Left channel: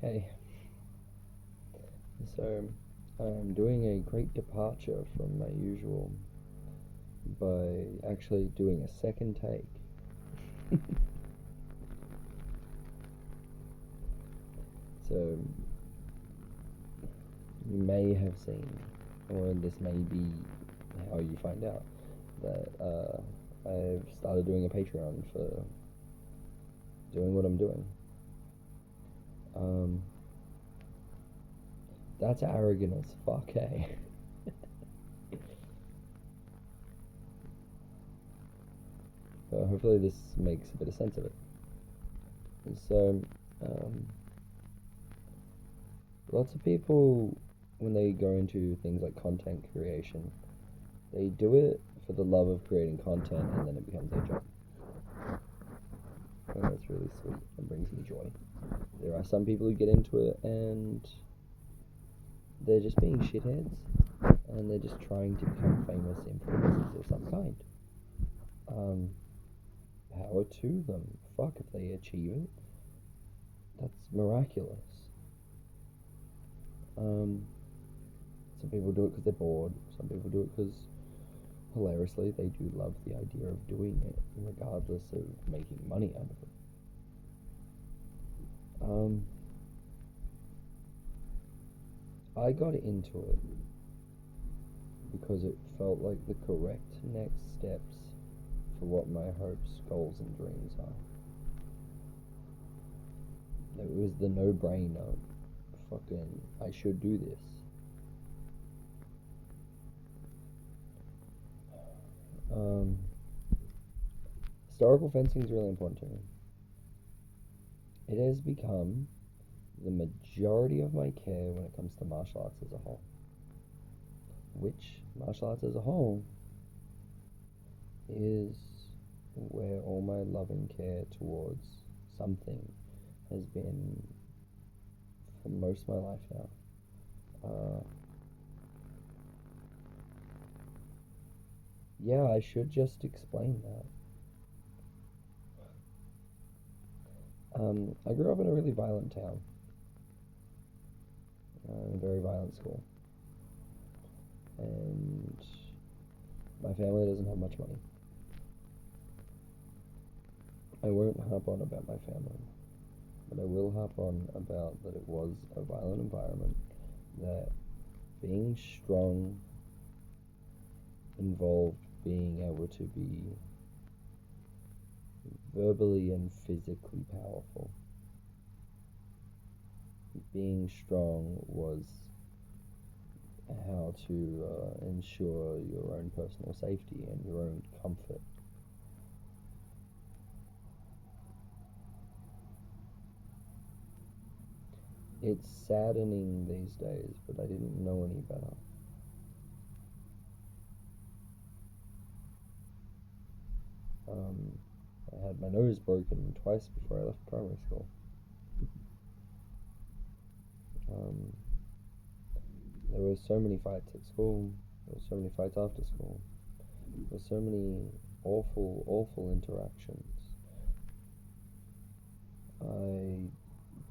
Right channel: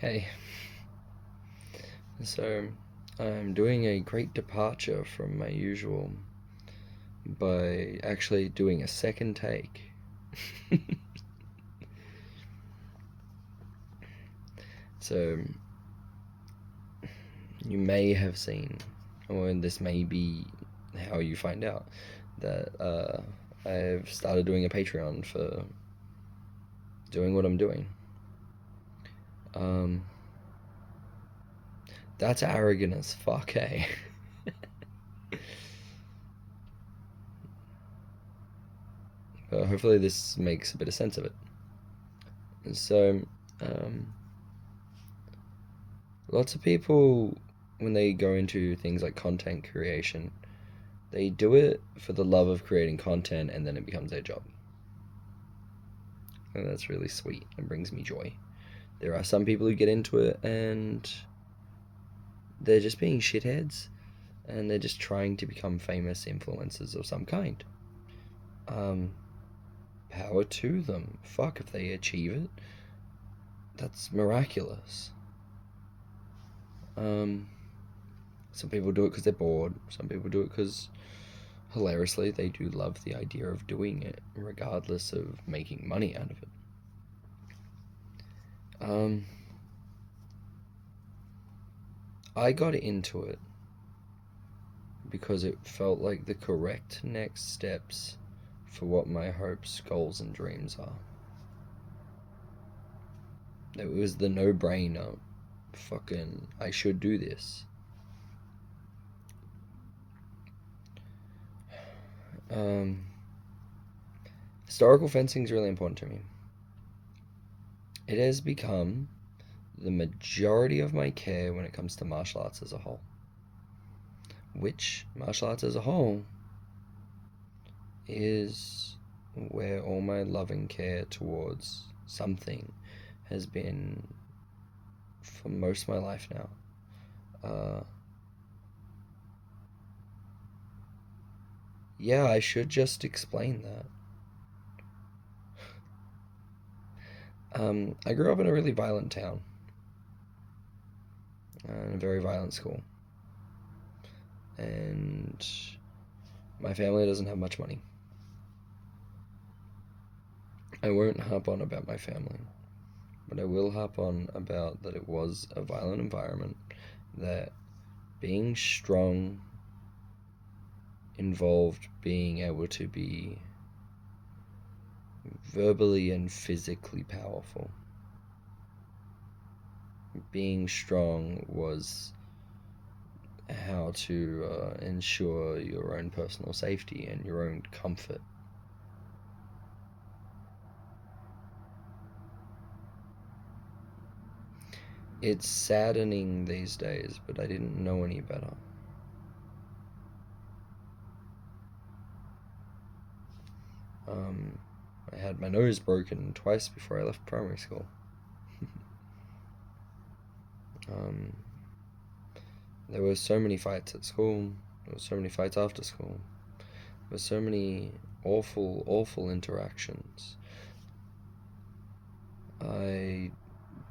Hey, so I'm doing a great departure from my usual by actually doing a second take. So you may have seen, or this may be how you find out, that I've started doing a Patreon for doing what I'm doing. Um, that's arrogant as fuck, eh? But hopefully this makes a bit of sense of it. So, um, lots of people, when they go into things like content creation, they do it for the love of creating content and then it becomes their job. And that's really sweet and brings me joy. There are some people who get into it and they're just being shitheads and they're just trying to become famous influencers of some kind. Um, Power to them. Fuck if they achieve it. That's miraculous. Um, some people do it because they're bored. Some people do it because hilariously, they do love the idea of doing it, regardless of making money out of it. Um, I got into it because it felt like the correct next steps for what my hopes, goals, and dreams are. It was the no brainer. Fucking, I should do this. Um, Historical fencing is really important to me. It has become the majority of my care when it comes to martial arts as a whole. Which, martial arts as a whole, is where all my loving care towards something has been for most of my life now. Uh, yeah, I should just explain that. I grew up in a really violent town, in a very violent school, and my family doesn't have much money. I won't harp on about my family, but I will harp on about that it was a violent environment, that being strong involved being able to be verbally and physically powerful. Being strong was how to ensure your own personal safety and your own comfort. It's saddening these days, but I didn't know any better. Um, I had my nose broken twice before I left primary school. um, there were so many fights at school. There were so many fights after school. There were so many awful, awful interactions. I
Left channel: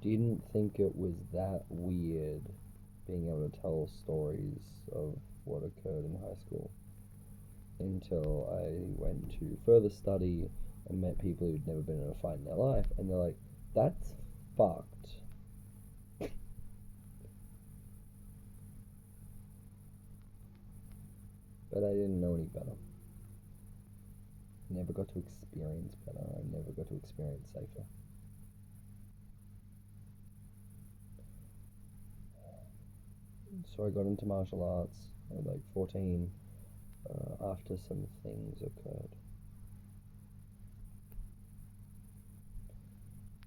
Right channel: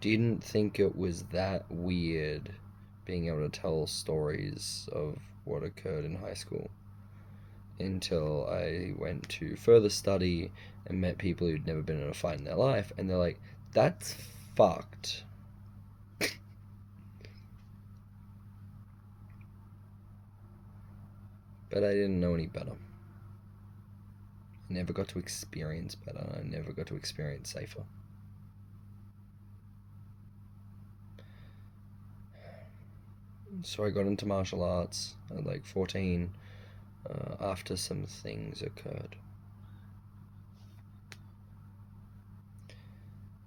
didn't think it was that weird being able to tell stories of what occurred in high school until I went to further study and met people who'd never been in a fight in their life, and they're like, that's fucked. But I didn't know any better. I never got to experience better. I never got to experience safer. So I got into martial arts at like 14 after some things occurred.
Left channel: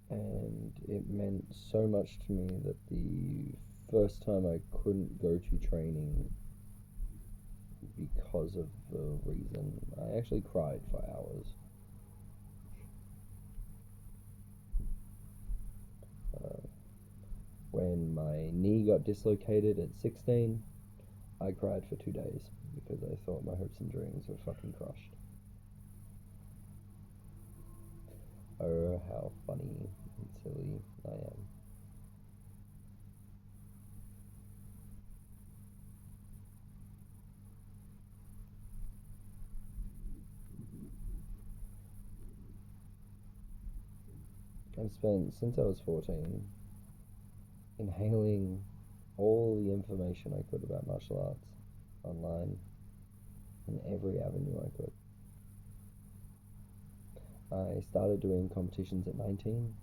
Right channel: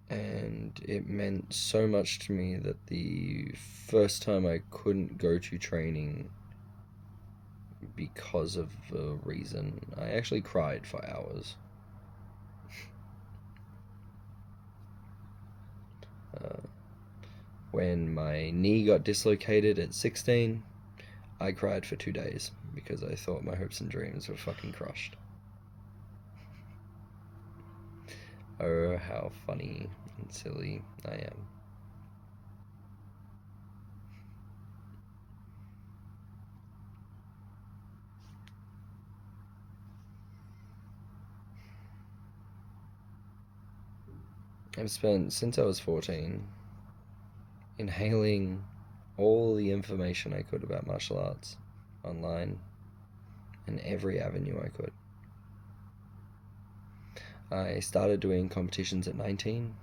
And it meant so much to me that the first time I couldn't go to training because of a reason, I actually cried for hours. Uh, when my knee got dislocated at 16, I cried for 2 days because I thought my hopes and dreams were fucking crushed. Oh, how funny and silly I am. I've spent, since I was 14, inhaling all the information I could about martial arts online in every avenue I could. I started doing competitions at 19,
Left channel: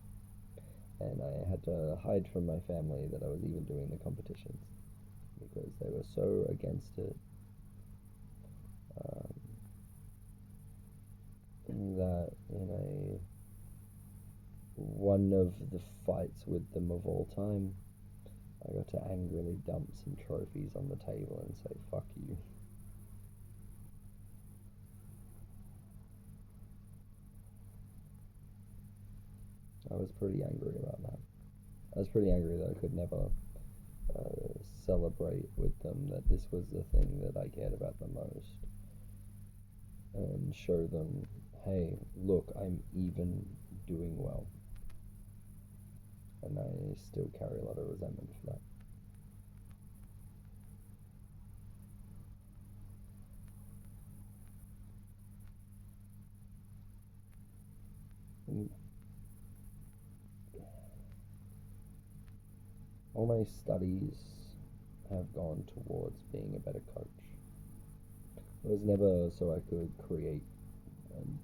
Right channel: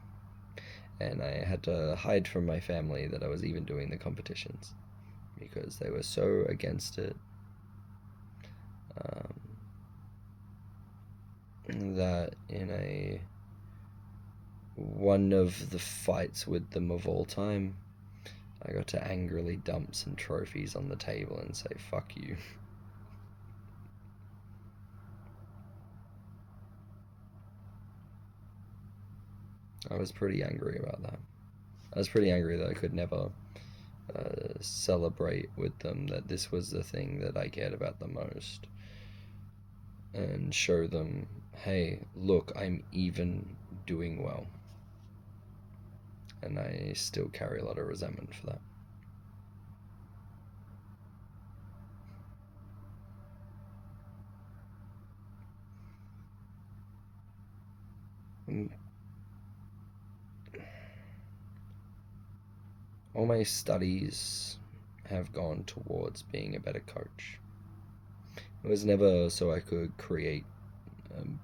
and I had to hide from my family that I was even doing the competitions because they were so against it, that in a one of the fights with them of all time, I got to angrily dump some trophies on the table and say, fuck you. I was pretty angry about that. I was pretty angry that I could never celebrate with them that this was the thing that I cared about the most, and show them, hey, look, I'm even doing well. And I still carry a lot of resentment for that. All my studies have gone towards being a better coach. It was never so I could create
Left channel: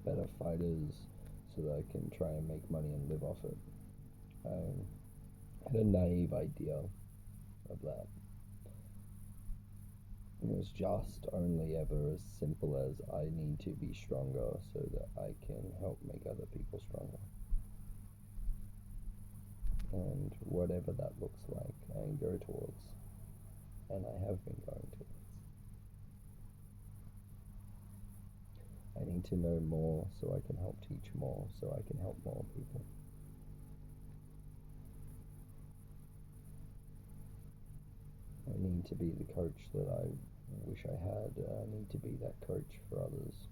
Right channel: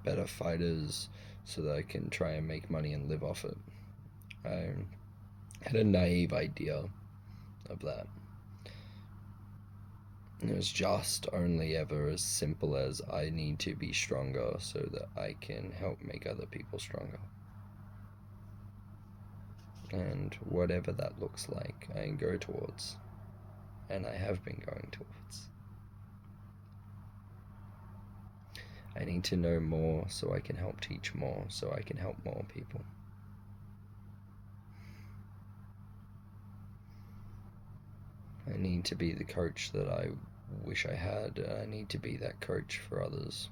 better fighters so that I can try and make money and live off it. I had a naive idea of that. It was just only ever as simple as I need to be stronger so that I can help make other people stronger. And whatever that looks like, I go towards. And I have been going towards. I need to know more so I can help teach more, so I can help more people. I need to be the coach that I wish I had, and I need to be that coach for others.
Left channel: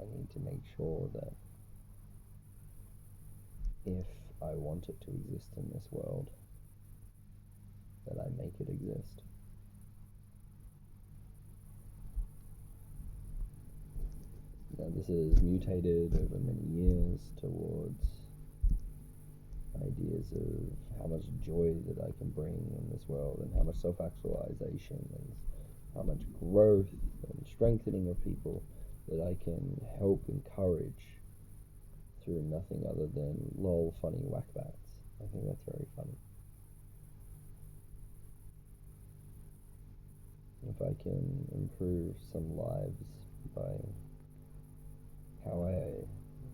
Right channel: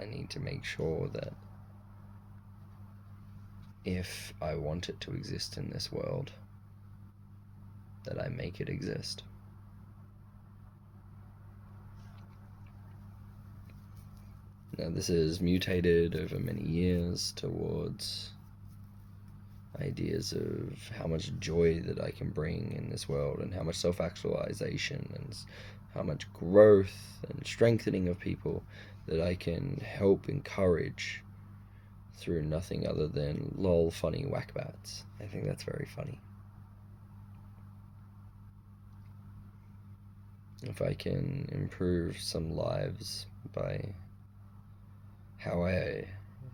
I need to make sure that if I want it to exist in this world, that I make it exist. Now, this has mutated over many years towards ideas of how much joy that I can bring in this world, and how much self-actualization and how much growth and strengthening of people that I can help encourage through nothing other than lol funny whackbats. I think that's very funny. If I can improve some lives by how I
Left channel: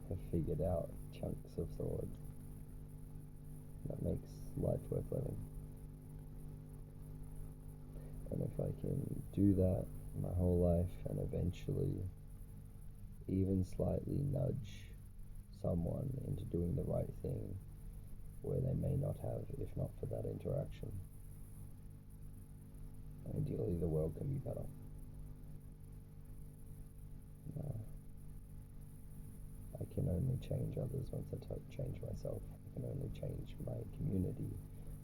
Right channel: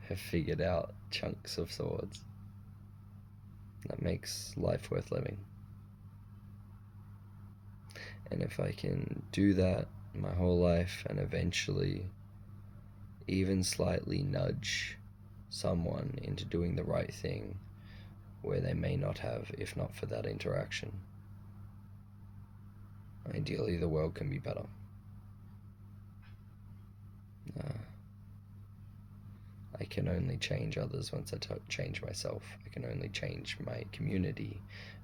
have figured out chunks of swords, that makes life worth living. And if I can do that my whole life and eventually even slightly nudge someone into doing the right thing where they may not have, if not for that interaction, ideally the world can be better. I can only change others once I change myself. I can only change my community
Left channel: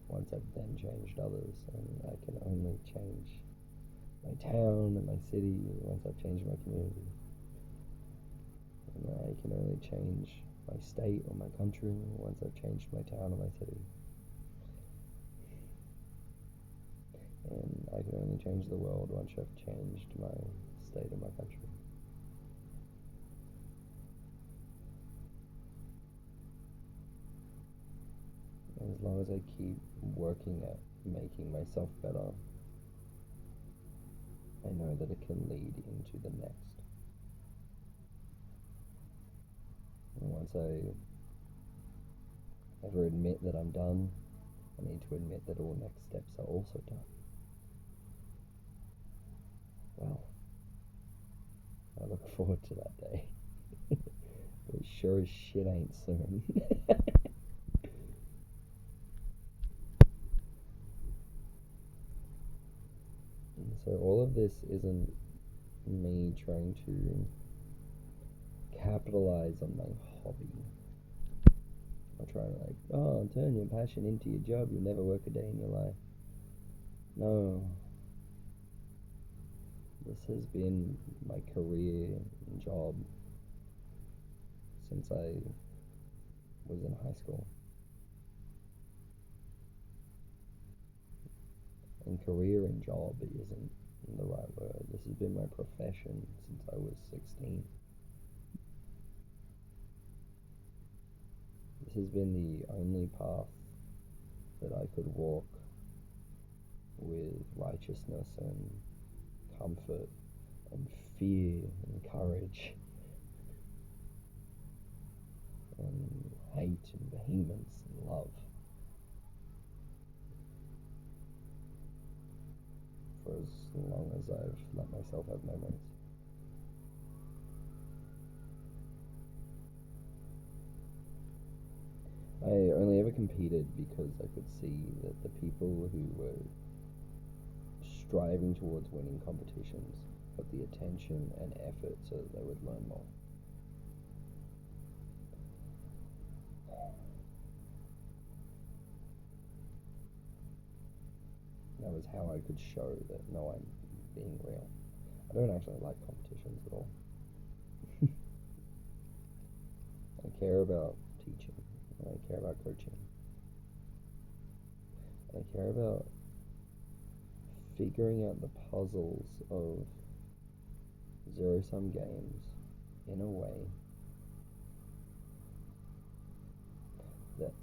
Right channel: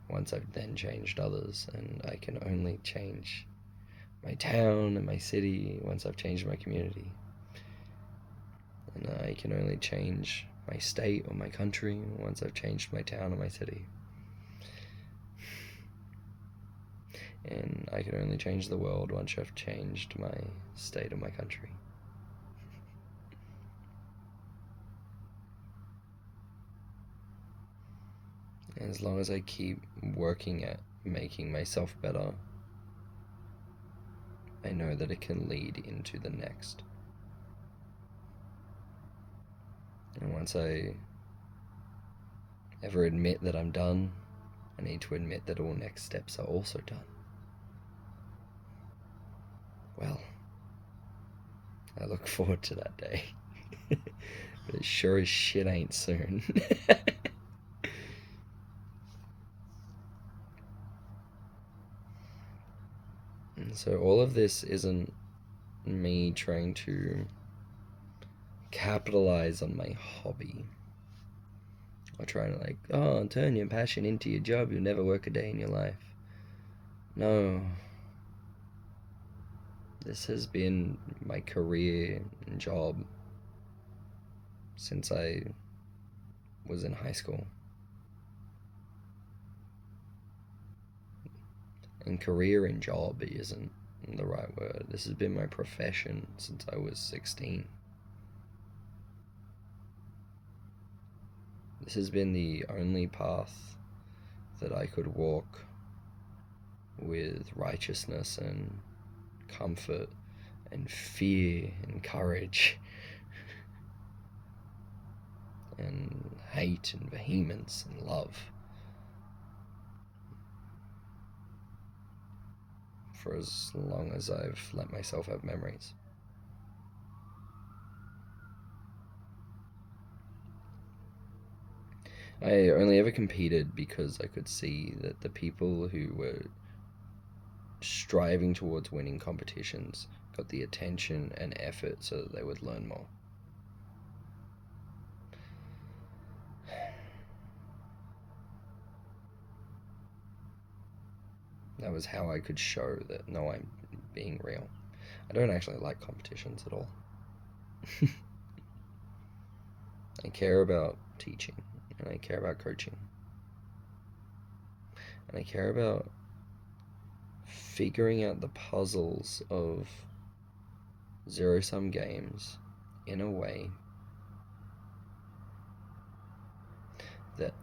once I've then changed others, and I can only change my town and my city once I've changed my community. And I can only change my state or my country once I've changed my town or my city. And I can only change the world once I've changed my state or my country. And as long as I keep working at making myself better, I know that it can lead into the next. And once I ever admit that I'm done, I need to admit that all next steps are also done. Well, I look forward to that day. But it sure as shit ain't soon. And so all of this isn't me trying to capitalize on my hobby, or trying to turn your passion into your job, you'll never work a day in your life. No. This has been my career and job since I was in high school. And career and job isn't the right word. This has been my profession since I was 16. This has been the only path that I could walk with righteousness and comfort and fear and courage and hate and vehemence and love for as long as I've let myself have memories. I only ever competed because I could see that the people who were striving towards winning competitions got the attention and effort so that they would learn more. That was how I could show that, no, I'm being real. I don't actually like competitions at all. I care about teaching, and I care about coaching, and I care about figuring out the puzzles of zero-sum games in a way that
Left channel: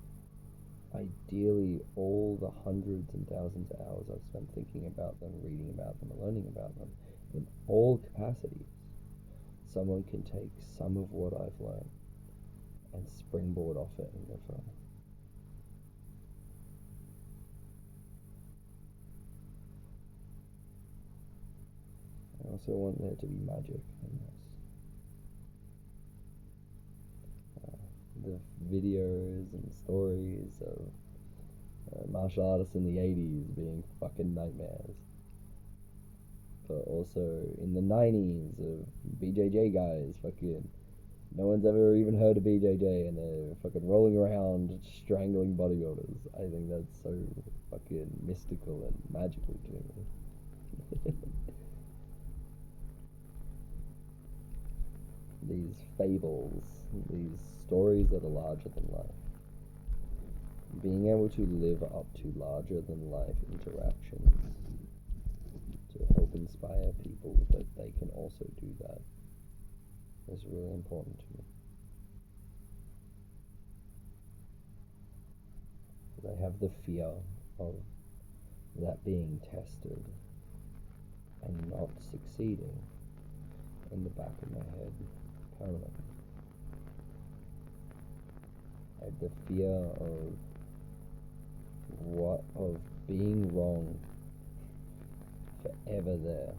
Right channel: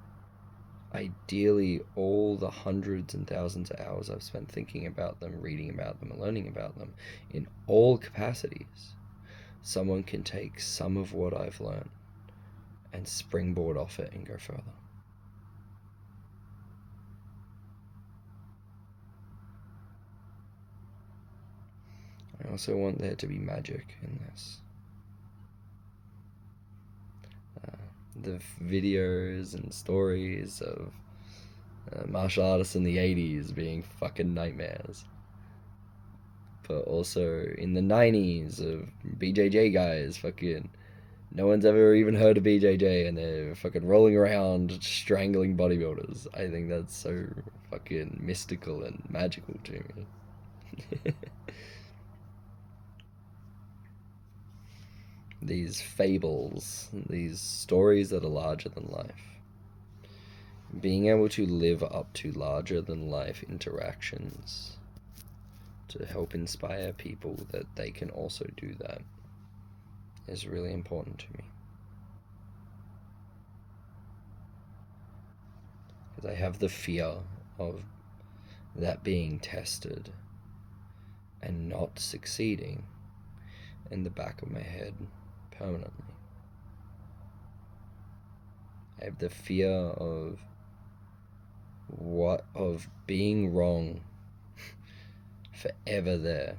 ideally all the hundreds and thousands of hours I've spent thinking about them, reading about them, and learning about them in all capacities, someone can take some of what I've learned and springboard off it and go further. I also want there to be magic in this. The videos and stories of martial artists in the 80s being fucking nightmares. But also in the 90s of BJJ guys fucking... No one's ever even heard of BJJ and they're fucking rolling around strangling bodybuilders. I think that's so fucking mystical and magical to me. These fables, these stories that are larger than life. Being able to live up to larger than life interactions to help inspire people that they can also do that is really important to me. Because I have the fear of that being tested and not succeeding in the back of my head permanently. I have the fear of being wrong forever there,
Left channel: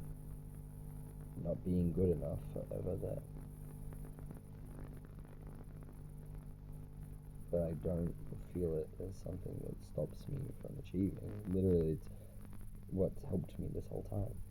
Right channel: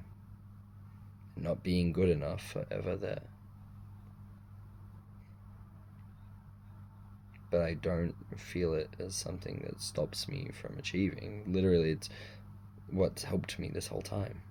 not being good enough forever there. But I don't feel it as something that stops me from achieving. Literally, it's what's helped me this whole time.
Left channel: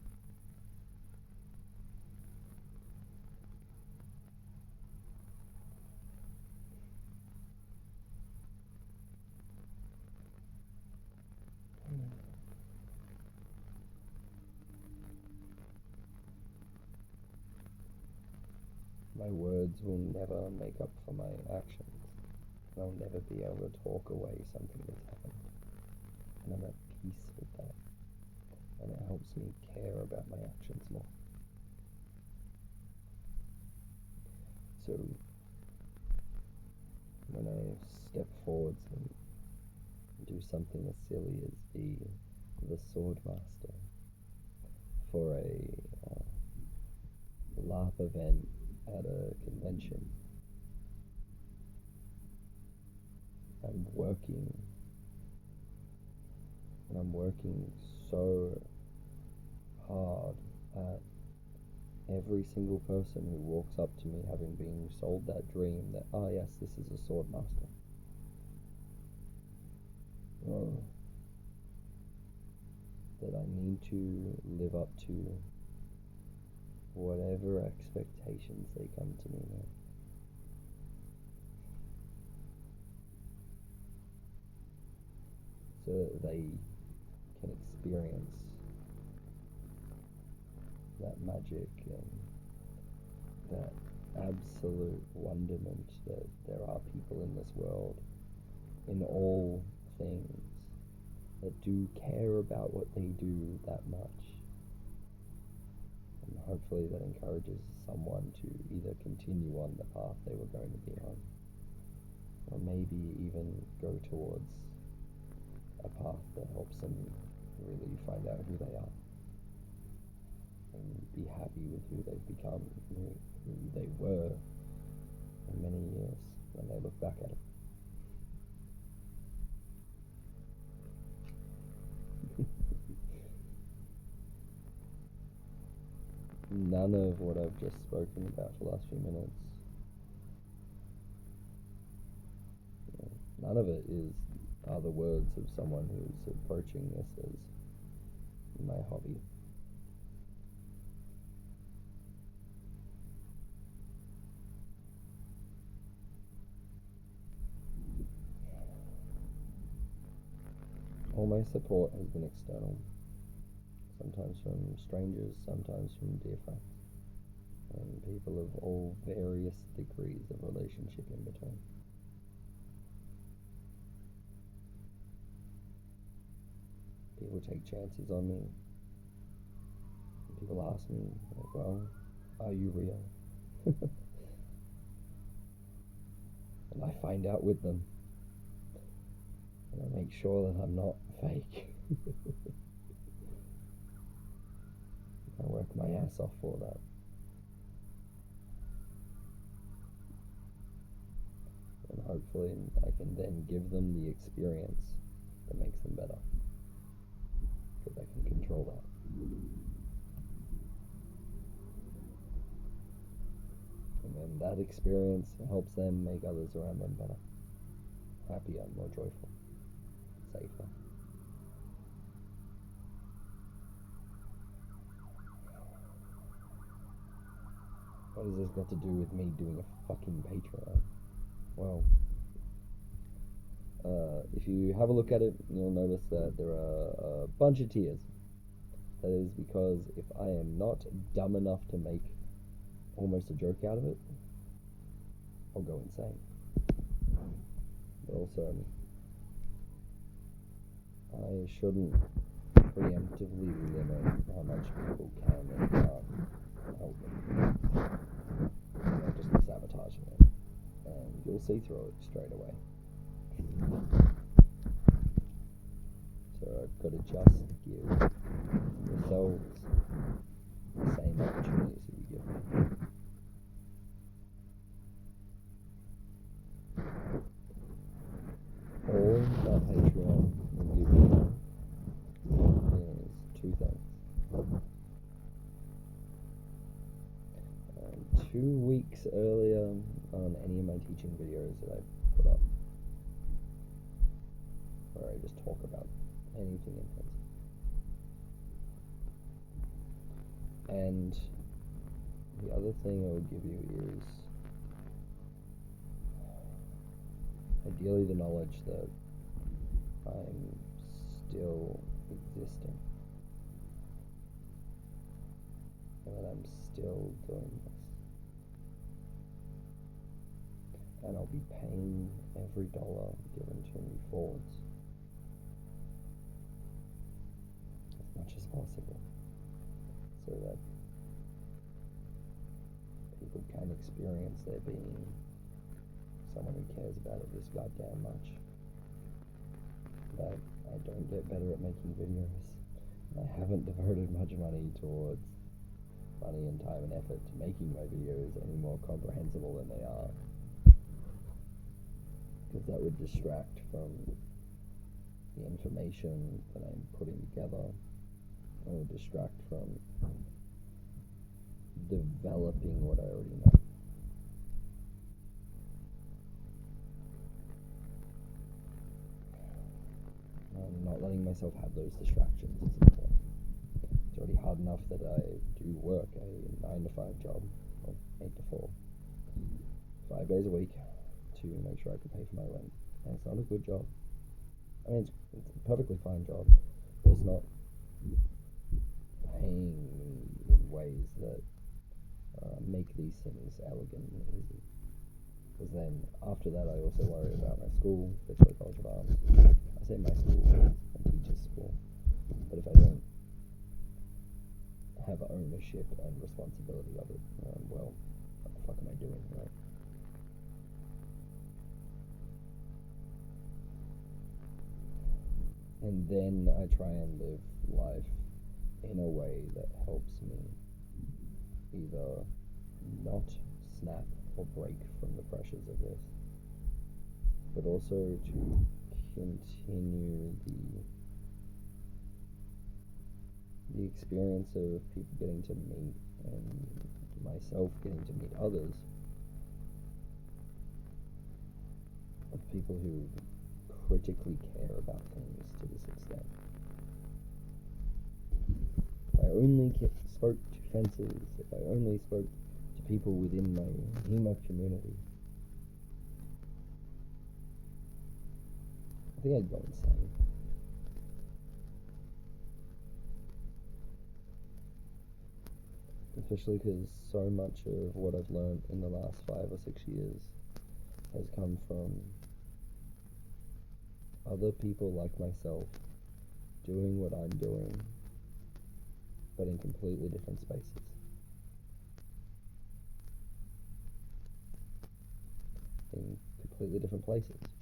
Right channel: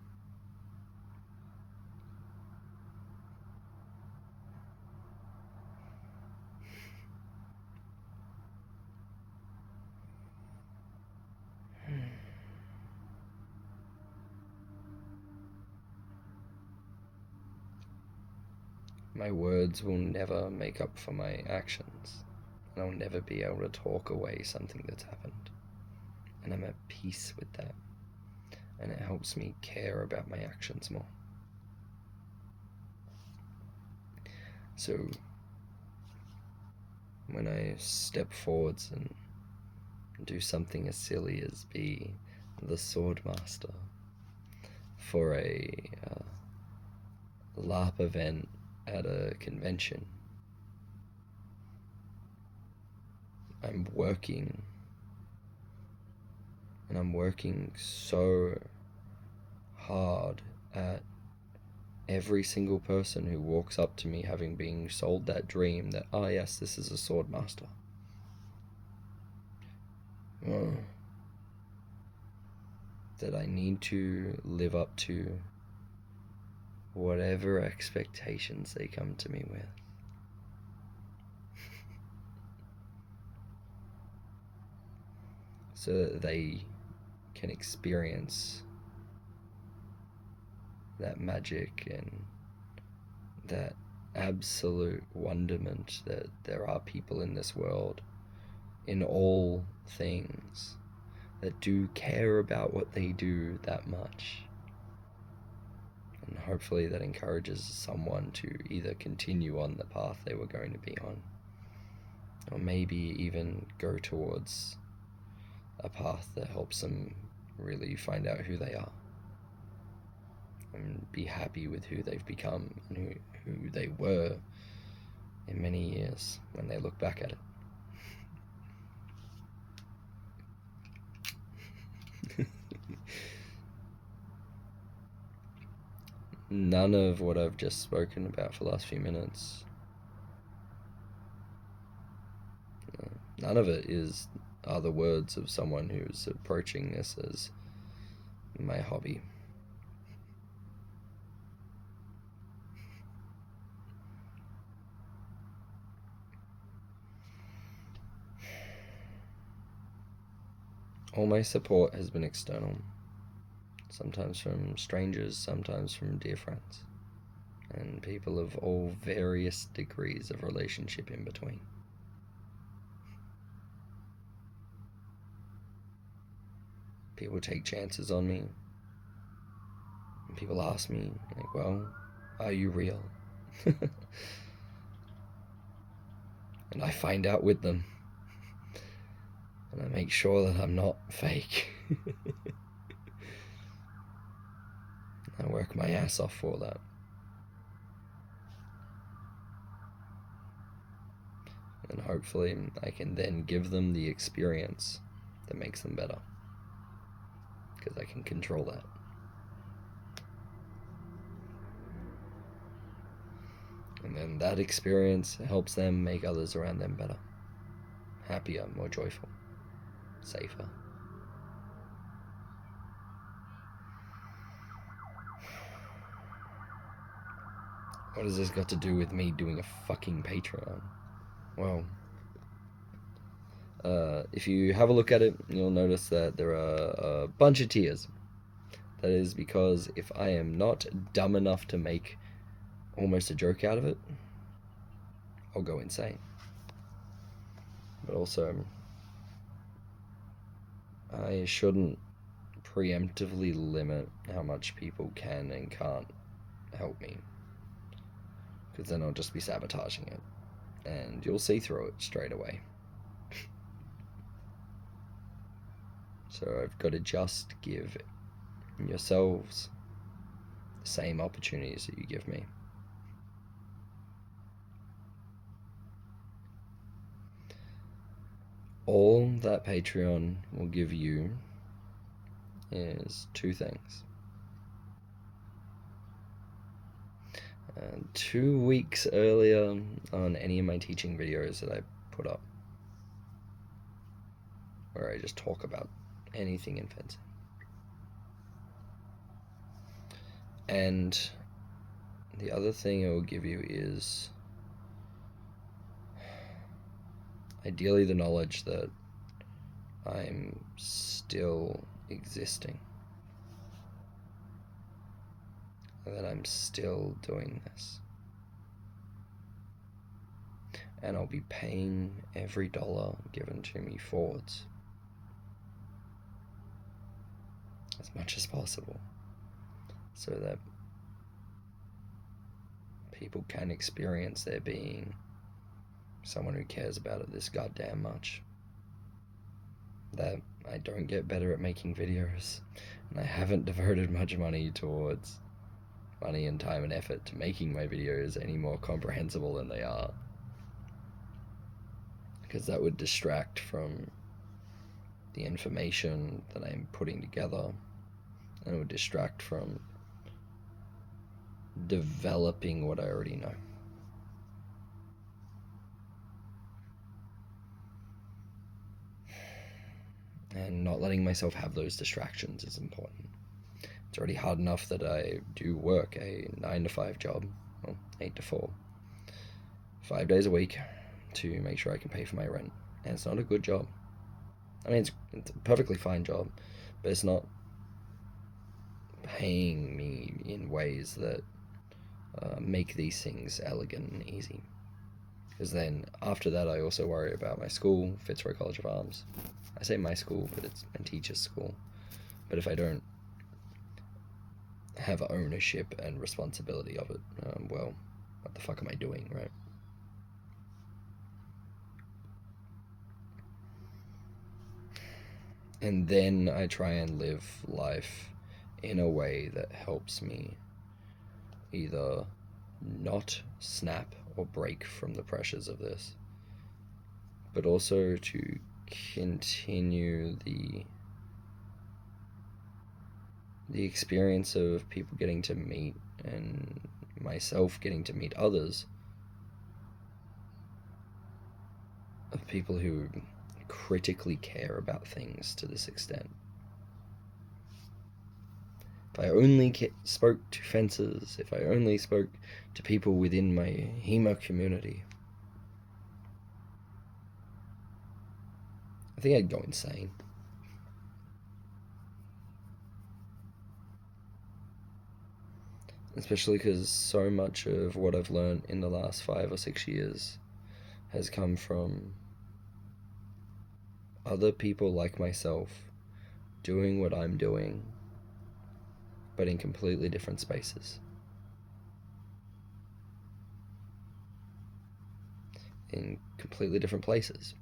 My words will never make up for my actions. And I'll never be able to talk away something that's happened. And I'm at peace with that. And it helps me care about my actions more. So, when I step forwards and do something as silly as be the sword master for a LARP event at a convention, I'm working, and I'm working so hard at every single person who walks up to me having been sold that dream that, oh yes, this is a sword master. That I need to live up to whatever expectations they come to me with. So that they can experience that magic and that absolute wonderment that there are people in this world, in all things, that do care about what they do that much. And hopefully that encourages someone to either continue on the path they were going to be on, or maybe even go towards a path that helps them really find out who they are and be happy with who they've become and who they were in many years when they look back at it. None of what I've just spoken about for the last few minutes, none of it are the words of someone who's approaching this as my hobby. All my support has been external, sometimes from strangers, sometimes from dear friends, and people of all various degrees of relationship in between. People take chances on me, and people ask me, like, well, are you real? And I find out with them. And I make sure that I'm not fake. I work my ass off for that. And hopefully I can then give them the experience that makes them better, because I can control that. And then that experience helps them make others around them better, happier, more joyful, safer. What has this got to do with me doing a fucking Patreon? Well, if you have a look at it, you'll notice that there are a bunch of tiers. That is because if I am not dumb enough to make almost a joke out of it, I'll go insane. But also, I shouldn't preemptively limit how much people can and can't help me, because then I'll just be sabotaging it, and you'll see through it straight away. So I've got to just give yourselves the same opportunities that you give me. All that Patreon will give you is two things. 2 weeks earlier on any of my teaching videos that I put up, where I just talk about anything in fencing. And the other thing it will give you is ideally the knowledge that I'm still existing, and that I'm still doing this, and I'll be paying every dollar given to me forwards as much as possible, so that people can experience there being someone who cares about it this goddamn much. That I don't get better at making videos, and I haven't devoted much money and time and effort to making my videos any more comprehensible than they are, because that would distract from the information that I'm putting together, and it would distract from developing what I already know. And not letting myself have those distractions is important. It's already hard enough that I do work a 9-to-5 job, well, 8 to 4, 5 days a week to make sure I can pay for my rent. And it's not a good job. I mean, it's a perfectly fine job, but it's not paying me in ways that make these things elegant and easy. Because then after that, I also worry about my school, Fitzroy College of Arms. I say my school, but it's my teacher's school. But if I don't have ownership and responsibility of it, well, what the fuck am I doing, right? And then I try and live life in a way that helps me either not snap or break from the pressures of this, but also to continue the experience of people getting to meet, and myself getting to meet others, of people who critically care about things to this extent. If I only spoke to fencers, if I only spoke to people within my HEMA community, I think I'd go insane. Especially because so much of what I've learned in the last 5 or 6 years has come from other people like myself doing what I'm doing, but in completely different spaces. In completely different places.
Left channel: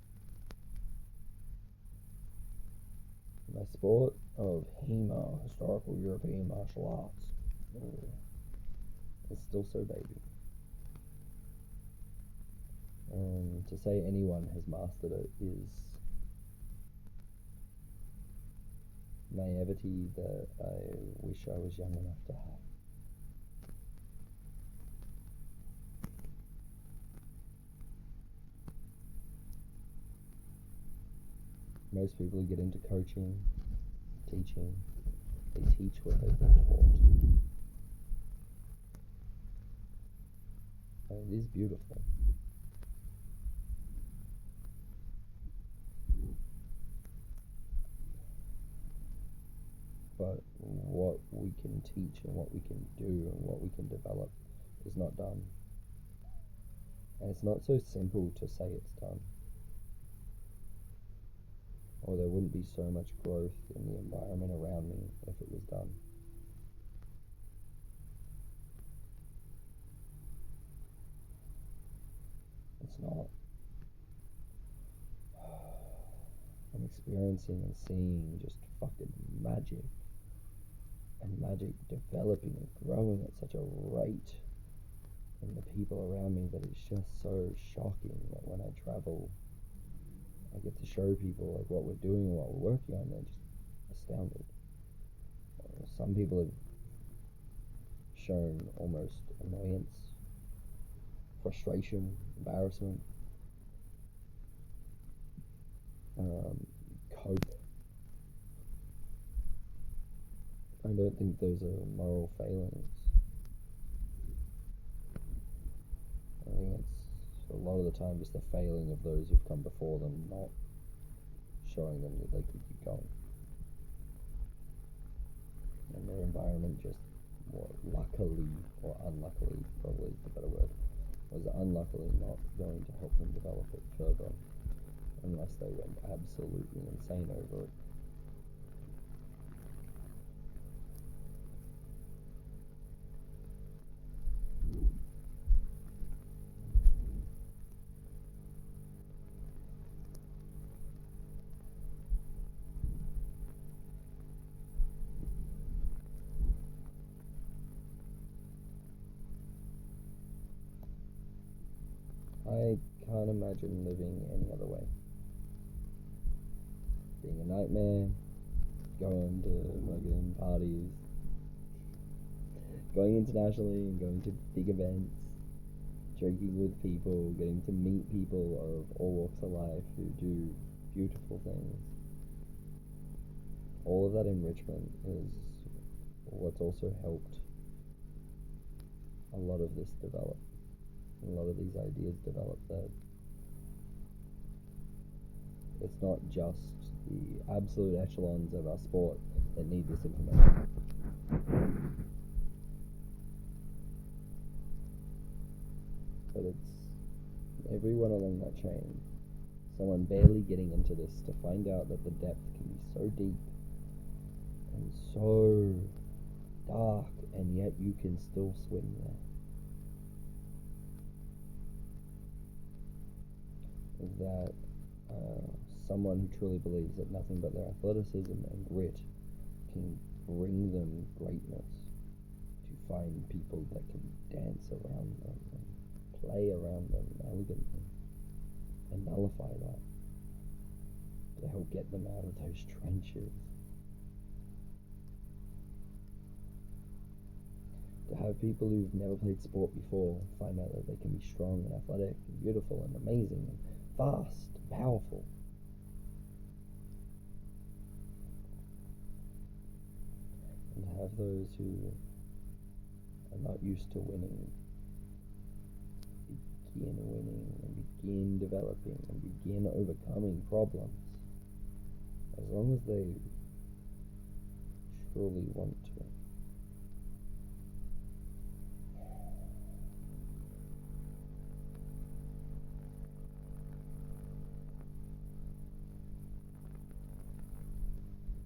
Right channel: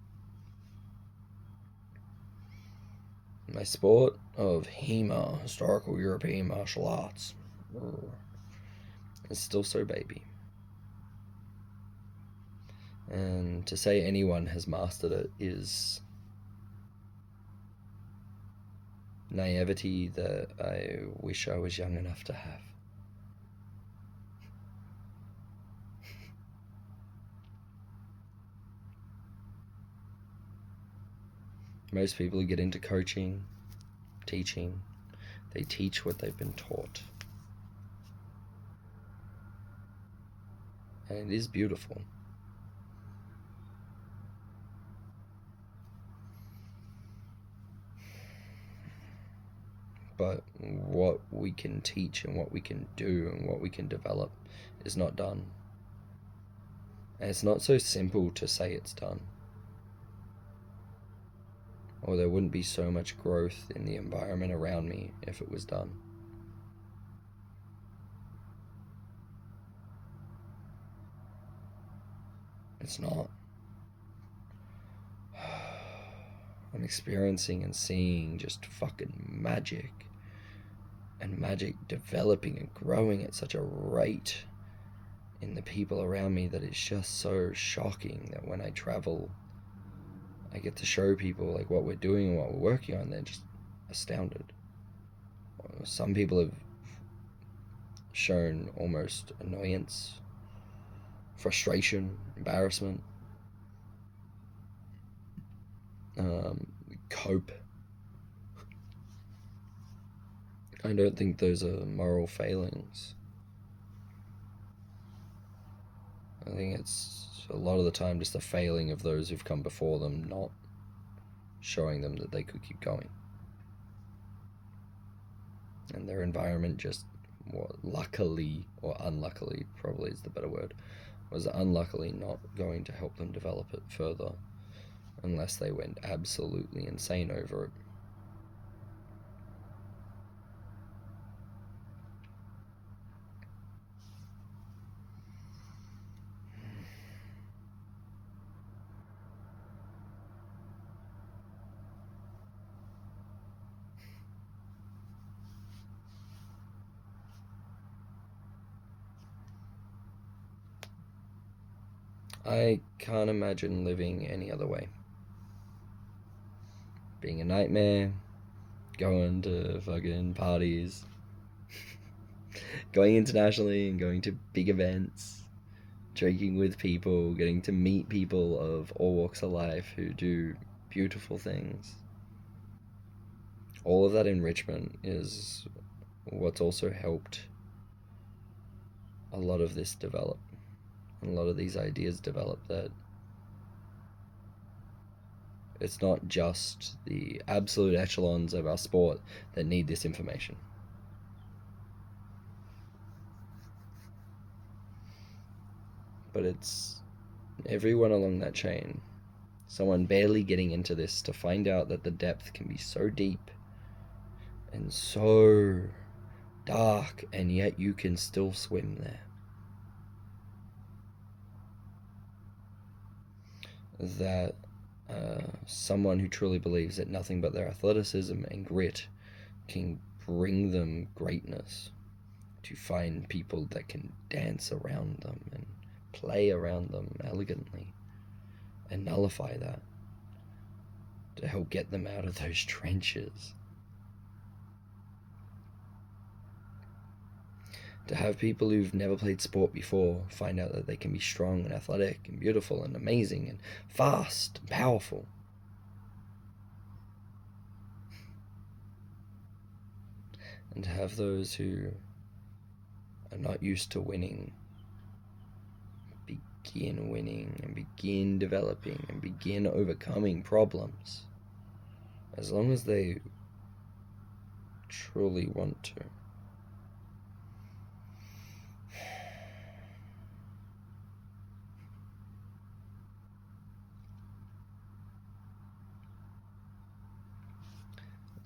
My sport of HEMA, Historical European Martial Arts, is still so baby. And to say anyone has mastered it is naivety that I wish I was young enough to have. Most people who get into coaching, teaching, they teach what they've been taught. And it is beautiful. But what we can teach and what we can do and what we can develop is not done. And it's not so simple to say it's done. Or there wouldn't be so much growth in the environment around me if it was done. It's not. I'm experiencing and seeing just fucking magic. And magic developing and growing at such a rate in the people around me that it's just so shocking that when I travel, I get to show people like what we're doing and what we're working on. They're just astounded. Some people have shown almost annoyance, frustration, embarrassment, cope. I don't think those are moral failings. I think it's a lot of the time just a failing of those who've come before them, not showing them that they could keep going. And their environment just, luckily, or unluckily, probably is the better word, was unluckily not going to help them develop it further unless they went absolutely insane over it. I can't imagine living any other way. Being a nightmare, going to fucking parties, going internationally and going to big events, drinking with people, getting to meet people of all walks of life who do beautiful things. All of that enrichment is what's also helped a lot of this develop. A lot of these ideas develop, that it's not just the absolute echelons of our sport that need this information. but it's everyone along that chain. Someone barely getting into this to find out that the depth can be so deep and so dark, and yet you can still swim there. That someone who truly believes that nothing but their athleticism and grit can bring them greatness, to find people that can dance around them and play around them elegantly and nullify that, to help get them out of those trenches. To have people who've never played sport before find out that they can be strong and athletic and beautiful and amazing and fast and powerful. And to have those who are not used to winning begin winning and begin developing and begin overcoming problems, as long as they truly want to.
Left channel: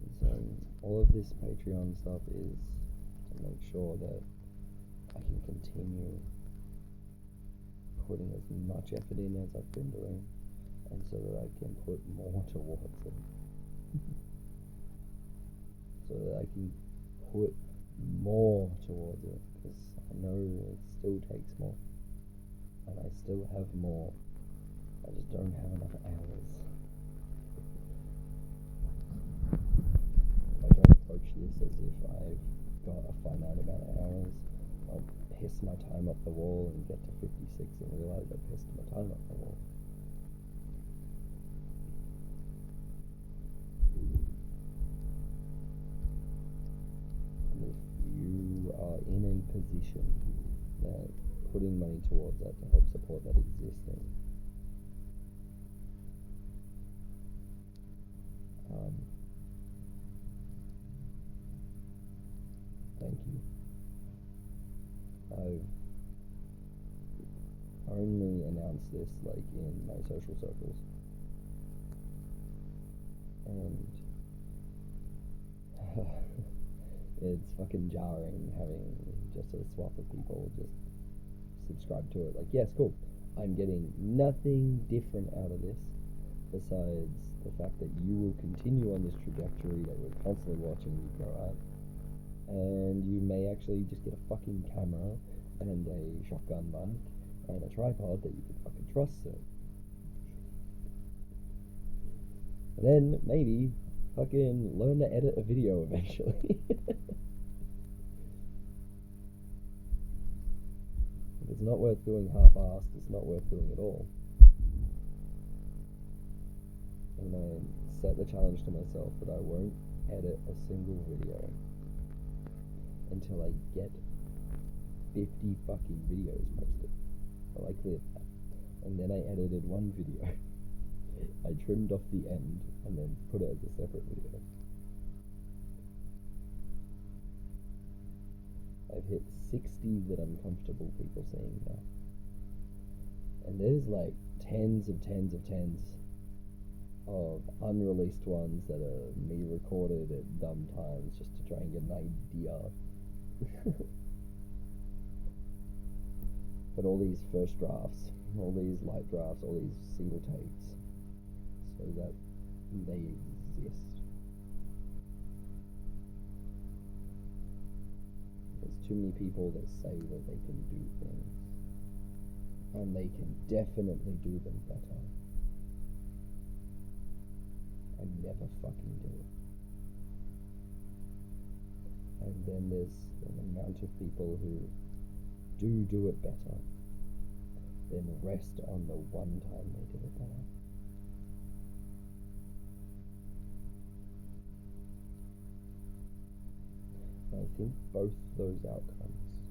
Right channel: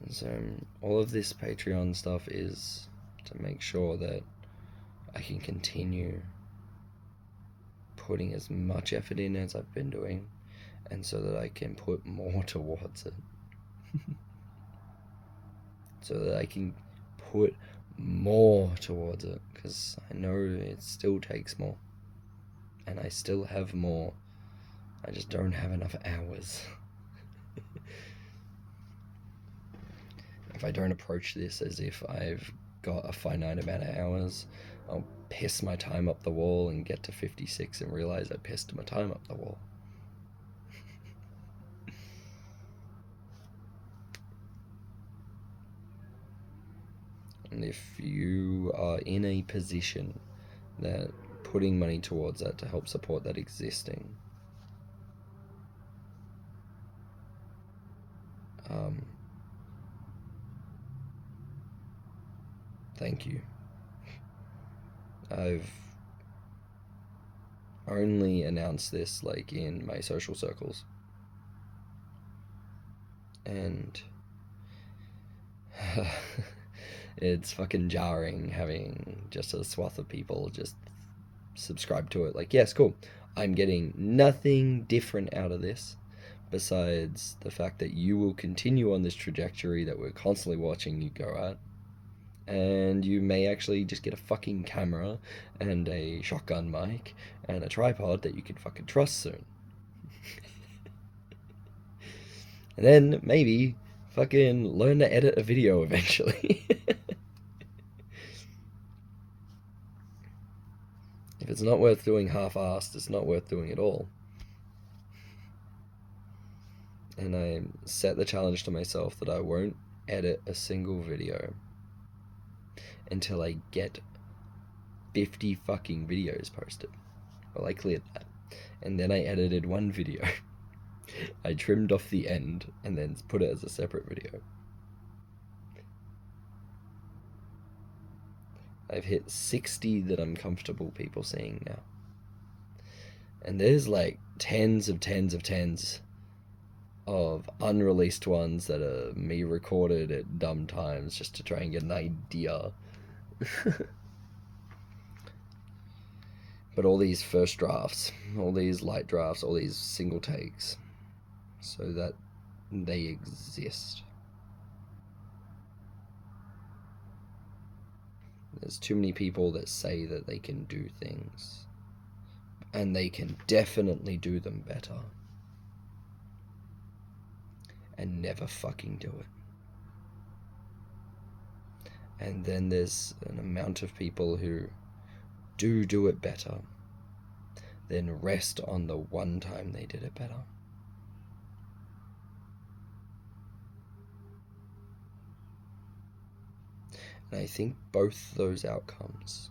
So all of this Patreon stuff is to make sure that I can continue putting as much effort in as I've been doing, and so that I can put more towards it. So that I can put more towards it, because I know it still takes more, and I still have more. I just don't have enough hours. If I don't approach this as if I've got a finite amount of hours, I'll piss my time up the wall and get to 56 and realize I pissed my time up the wall. And if you are in a position that putting money towards that to help support that existing, thank you. I've only announced this like in my social circles, and it's fucking jarring having just a swath of people just subscribe to it. Like, yes, cool, I'm getting nothing different out of this besides the fact that you will continue on this trajectory that we're constantly watching you go at. And you may actually just get a fucking camera and a shotgun mic and a tripod that you can fucking trust soon. And then maybe fucking learn to edit a video eventually. If it's not worth doing half-assed, it's not worth doing at all. And I set the challenge to myself that I won't edit a single video until I get 50 fucking videos posted. Well, I cleared that. And then I edited one video. I trimmed off the end and then put it as a separate video. I've hit 60 that I'm comfortable people seeing now. And there's like tens of unreleased ones that are me recorded at dumb times just to try and get an idea. But all these first drafts, all these light drafts, all these single takes, so that they exist. There's too many people that say that they can do things, and they can definitely do them better, and never fucking do it. And then there's an amount of people who do it better, then rest on the one time they did it better. And I think both those outcomes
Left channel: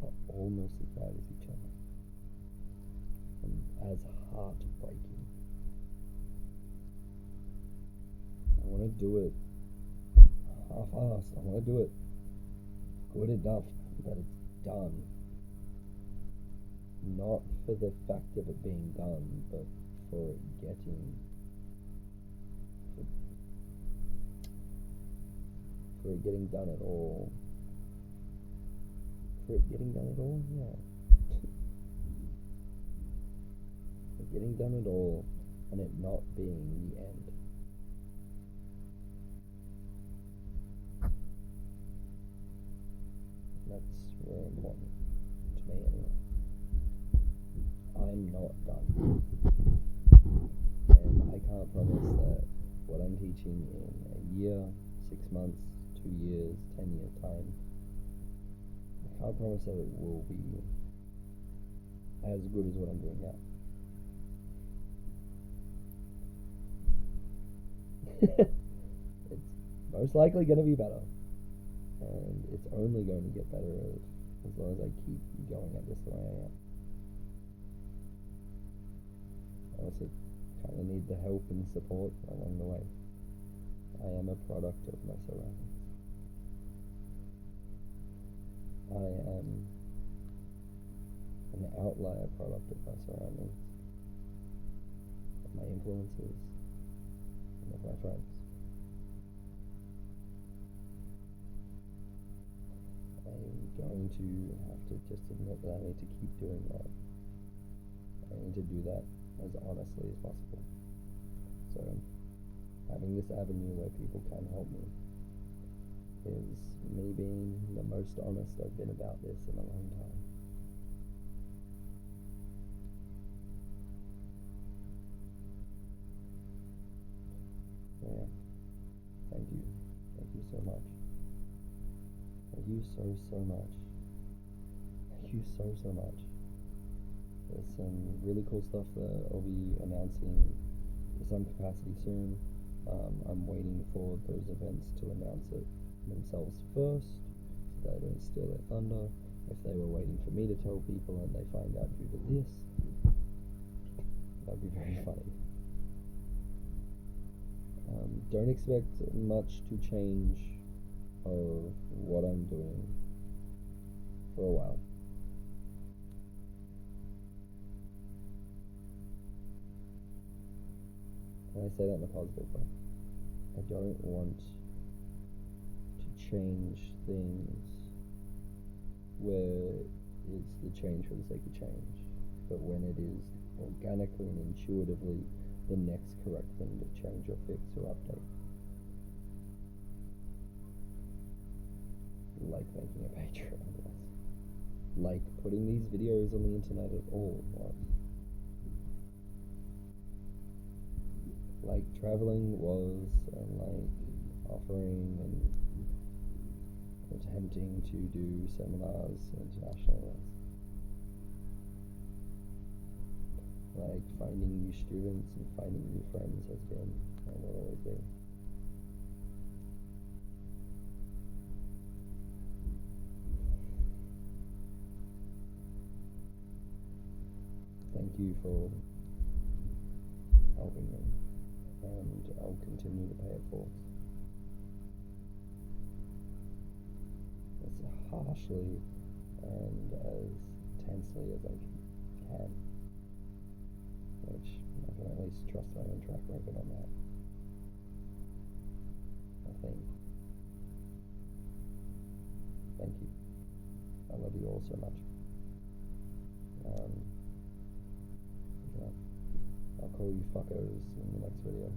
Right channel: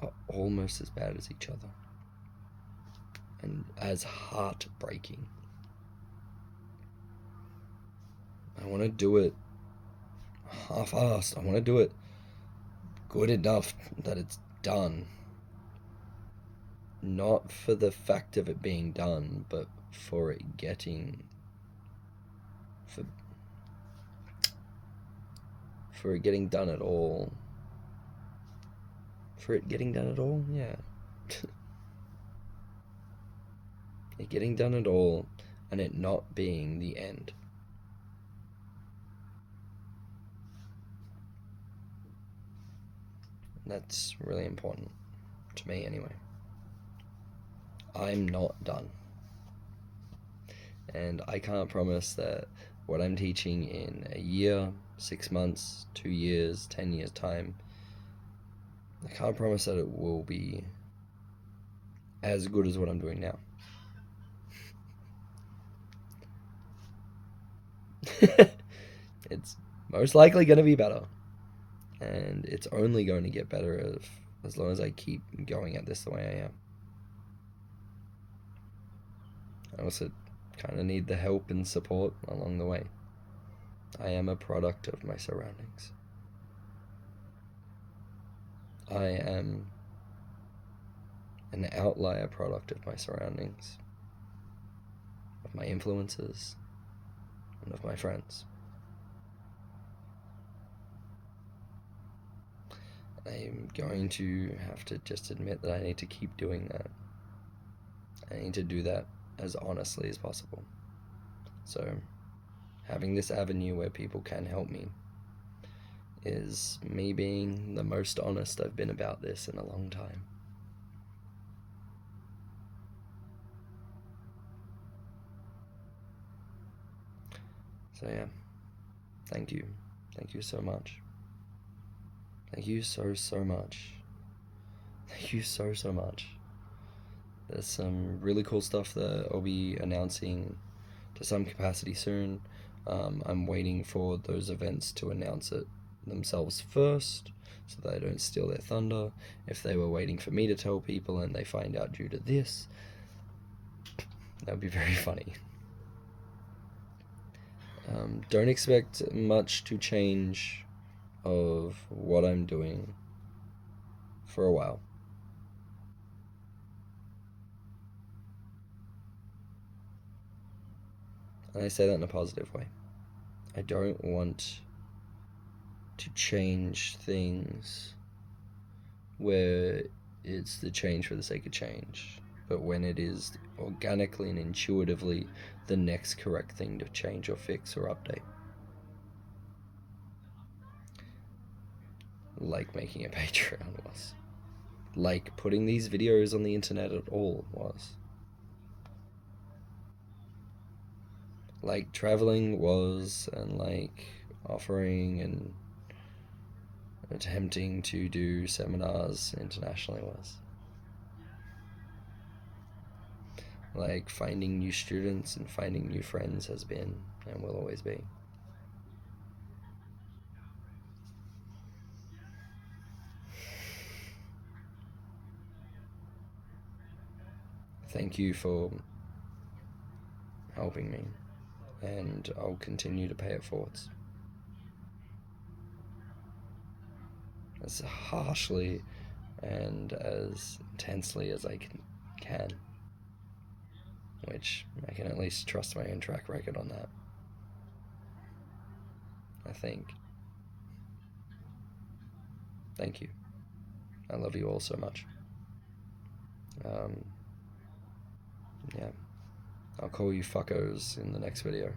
are almost as bad as each other, and as heartbreaking. I want to do it half-assed. I want to do it good enough that it's done. not for the fact of it being done, but for it getting for it getting done at all. For it getting done at all, yeah. It getting done at all, and it not being the end. That's really important to me, anyway. I'm not done, and I can't promise that what I'm teaching in a year, 6 months, 2 years, 10 years time, I can't promise that it will be as good as what I'm doing now. It's most likely going to be better, and it's only going to get better as long as I keep going at this the way I am. I also kind of need the help and support along the way. I am a product of my surroundings. I am an outlier product of my surroundings, of my influences, and of my friends. I'm going to have to just admit that I need to keep doing that. I need to do that as honestly as possible. So, having this avenue where people can help me is me being the most honest I've been about this in a long time. So yeah, thank you. Thank you so much. Thank you so much. Thank you so much. There's some really cool stuff that I'll be announcing to some capacity soon. I'm waiting for those events to announce it themselves first, so that I don't steal their thunder. If they were waiting for me to tell people and they find out due to this, that would be very funny. Don't expect much to change of what I'm doing for a while. And I say that in a positive way. I don't want to change things where it's the change for the sake of change, but when it is organically and intuitively the next correct thing to change or fix or update. Like making a Patreon was. Like putting these videos on the internet at all was. Like traveling was, and like offering and attempting to do seminars internationally was. Like finding new students and finding new friends has been and will always be. Thank you for helping me, and I'll continue to pay it forwards. As harshly and as intensely as I can. Which I can at least trust my own track record on that, I think. Thank you. I love you all so much. Yeah. I'll call you fuckos in the next video.